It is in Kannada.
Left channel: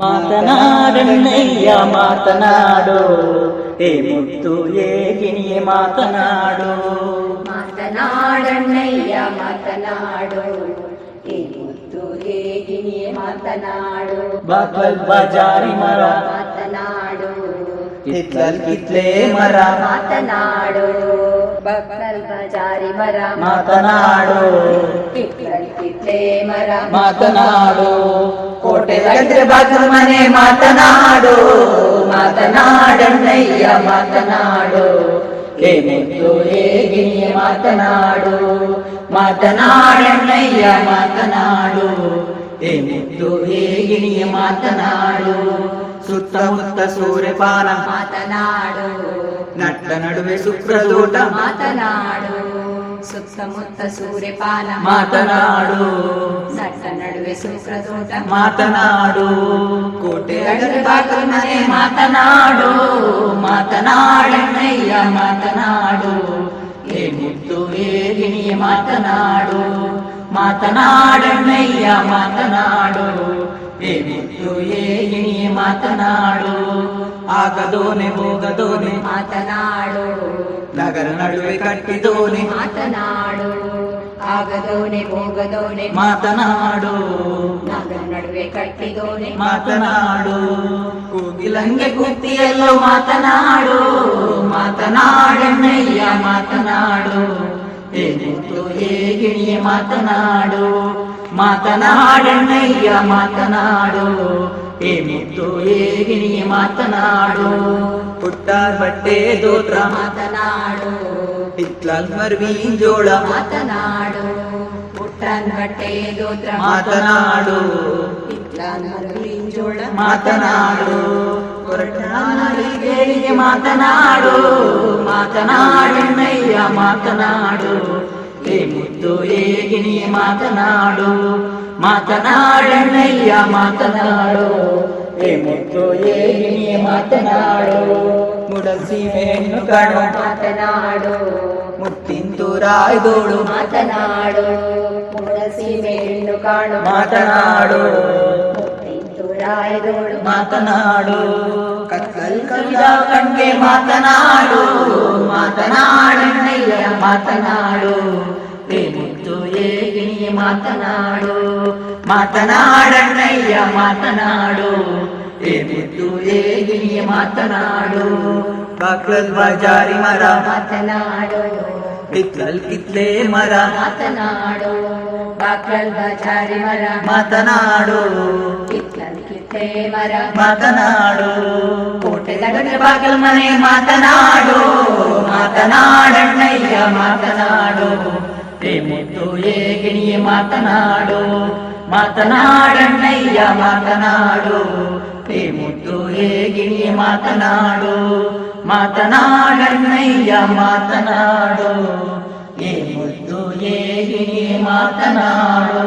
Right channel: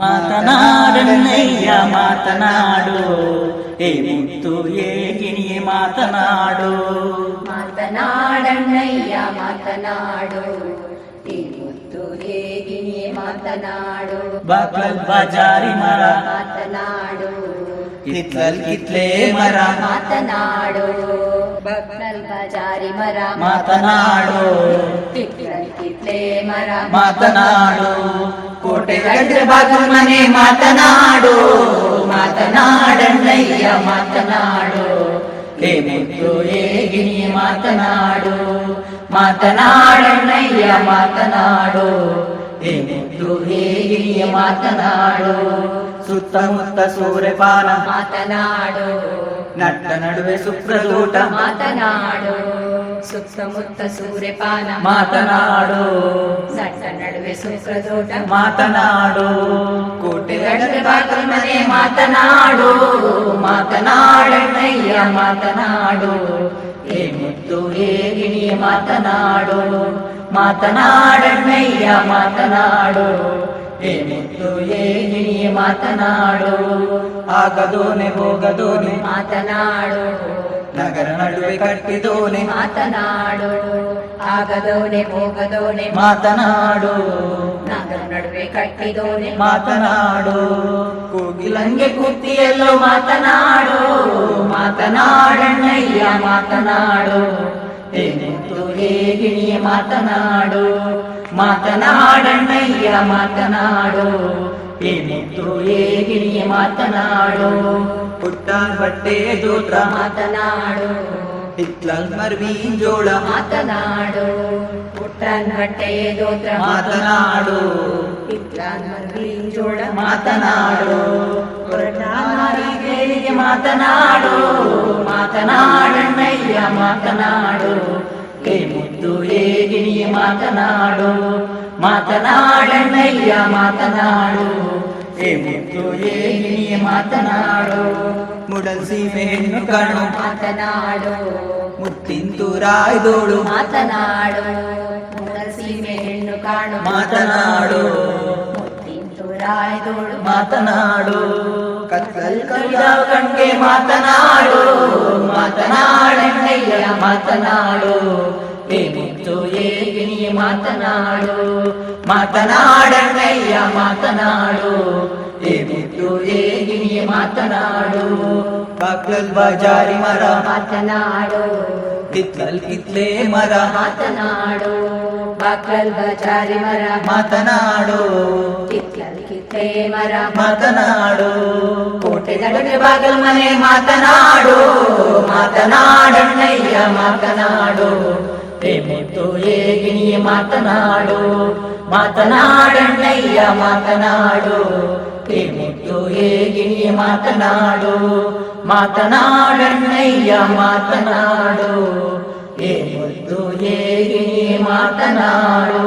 ಮಾತನಾಡಣ್ಣಯ್ಯ ಮಾತನಾಡು, ಹೇ ಮುತ್ತು ಏಗಿಣಿಯೇ ಮಾತನಾಡು. ಮಾತನಾಡಣ್ಣಯ್ಯ ಮಾತನಾಡು, ಹೇ ಮುತ್ತು ಏಗಿಣಿಯೇ ಮಾತನಾಡು. ಬಾಗ್ಲಲ್ ಬಜಾರಿ ಮರ ಮಾತನಾಡು, ಹಿತ್ಲಲ್ ಕಿತ್ಲೆ ಮರ ಮಾತನಾಡು. ಬಗ್ಲಲ್ ಬಜಾರಿ ಮರ ಮಾತನಾಡು, ಹಿತ್ಲಲ್ ಕಿತ್ಲೆ ಮರ ಮಾತನಾಡು. ಕೋಟೆ ಗಂದ್ರೆ ಬಾಗಿಲು ಮನೆ ಮಾತನಾಡು, ಮಾತನಾಡಣ್ಣಯ್ಯ ಮಾತನಾಡು, ಹೇ ಮುತ್ತು ಏಗಿಣಿಯೇ ಮಾತನಾಡು. ಮಾತನಾಡಣ್ಣಯ್ಯ ಮಾತನಾಡು, ಹೇ ಮುತ್ತು ಏಗಿಣಿಯೇ ಮಾತನಾಡು. ಸುತ್ತಮುತ್ತ ಸೂರ್ಯಪಾನ ಮಾತನಾಡು, ನಟ್ಟ ನಡುವೆ ಸುಪ್ರದೂಟ ಮಾತನಾಡು. ಸುತ್ತಮುತ್ತ ಸೂರ್ಯಪಾನ ಮಾತನಾಡು, ನಟ್ಟ ನಡುವೆ ಸುಪ್ರದೋಟ ಮಾತನಾಡು. ಕೋಟೆ ಅಡರೆ ಬಾಗಿಲು ಮನೆ ಮಾತನಾಡು, ಮಾತನಾಡಣ್ಣಯ್ಯ ಮಾತನಾಡು, ಹೇ ಮುತ್ತು ಏಗಿಣಿಯೇ ಮಾತನಾಡು. ಮಾತನಾಡಣ್ಣಯ್ಯ ಮಾತನಾಡು, ಹೇ ಮುತ್ತು ಏಗಿಣಿಯೇ ಮಾತನಾಡು. ಆಗದೋನೆ ಹೋಗದೋನೆ ಮಾತನಾಡು, ನಗರ ನಡುವೆ ಕಟ್ಟಿದೋನೆ ಮಾತನಾಡು. ಆಗದೋನೆ ಹೋಗದೋನೆ ಮಾತನಾಡು, ನಗರ ನಡುವೆ ಕಟ್ಟಿದೋನೆ ಮಾತನಾಡು. ಕೋಗಿಲಂಗೆ ಕೂತಿಯಲ್ಲೋ ಮಾತನಾಡು, ಮಾತನಾಡಣ್ಣಯ್ಯ ಮಾತನಾಡು, ಹೇ ಮುತ್ತು ಏಗಿಣಿಯೇ ಮಾತನಾಡು. ಮಾತನಾಡಣ್ಣಯ್ಯ ಮಾತನಾಡು, ಹೇ ಮುತ್ತು ಏಗಿಣಿಯೇ ಮಾತನಾಡು. ಪುಟ್ಟ ಬಟ್ಟೆ ದೋತ್ರ ಮಾತನಾಡು, ಹಿತ್ಲಲ್ ಮರ್ವಿನ್ ಜೋಳ ಮಾತನಾಡು. ಪುಟ್ಟನ್ ಬಟ್ಟೆ ದೋತ್ರ ಮಾತನಾಡು, ಹಿತ್ಲನ್ ಮರ್ವಿನ್ ಜೋಳ ಮಾತನಾಡು. ಕೊರಟಾರಿಗೆ ಮಾತನಾಡು, ಮಾತನಾಡಣ್ಣಯ್ಯ ಮಾತನಾಡು, ಹೇ ಮುತ್ತು ಏಗಿಣಿಯೇ ಮಾತನಾಡು. ಮಾತನಾಡಣ್ಣಯ್ಯ ಮಾತನಾಡು, ಹೇ ಮುತ್ತು ಏಗಿಣಿಯೇ ಮಾತನಾಡು. ಮುಡಲ್ ಸೀಮೆ ಹೆಣ್ಣು ಕಣು ಮಾತನಾಡು, ಮುತ್ತಿಂತೂರಾಯ್ದೋಳು ಮಾತನಾಡು. ಸೀಮೆ ಹೆಣ್ಣು ಕಾಣು ಮಾತನಾಡು, ಮುತ್ತಿಂತೂರಾಯ್ದೋಳು ಮಾತನಾಡು. ಕತ್ತಲ್ ಕವಿದ ಕಣ್ಗೆ ಮಾತನಾಡು, ಮಾತನಾಡಣ್ಣಯ್ಯ ಮಾತನಾಡು, ಹೇ ಮುತ್ತು ಏಗಿಣಿಯೇ ಮಾತನಾಡು. ಮಾತನಾಡಣ್ಣಯ್ಯ ಮಾತನಾಡು, ಹೇ ಮುತ್ತು ಏಗಿಣಿಯೇ ಮಾತನಾಡು. ಬಾಗ್ಲಲ್ ಬಜಾರಿ ಮರ ಮಾತನಾಡು, ಹಿತ್ಲಲ್ ಕಿತ್ಲೆ ಮರ ಮಾತನಾಡು. ಬಾಗ್ಲಲ್ ಬಜಾರಿ ಮರ ಮಾತನಾಡು, ಹಿತ್ಲಲ್ ಕಿತ್ಲೆ ಮರ ಮಾತನಾಡು. ಕೋಟೆ ನಡುವೆ ಬಾಗಿಲು ಮನೆ ಮಾತನಾಡು, ಮಾತನಾಡಣ್ಣಯ್ಯ ಮಾತನಾಡು, ಹೇ ಮುತ್ತು ಏಗಿಣಿಯೇ ಮಾತನಾಡು. ಮಾತನಾಡಣ್ಣಯ್ಯ ಮಾತನಾಡು, ಹೇ ಮುತ್ತು ಏಗಿಣಿಯೇ ಮಾತನಾಡು. ಮಾತನಾಡಣ್ಣಯ್ಯ ಮಾತನಾಡು, ಹೇ ಮುತ್ತು ಏಗಿಣಿಯೇ ಮಾತನಾಡು.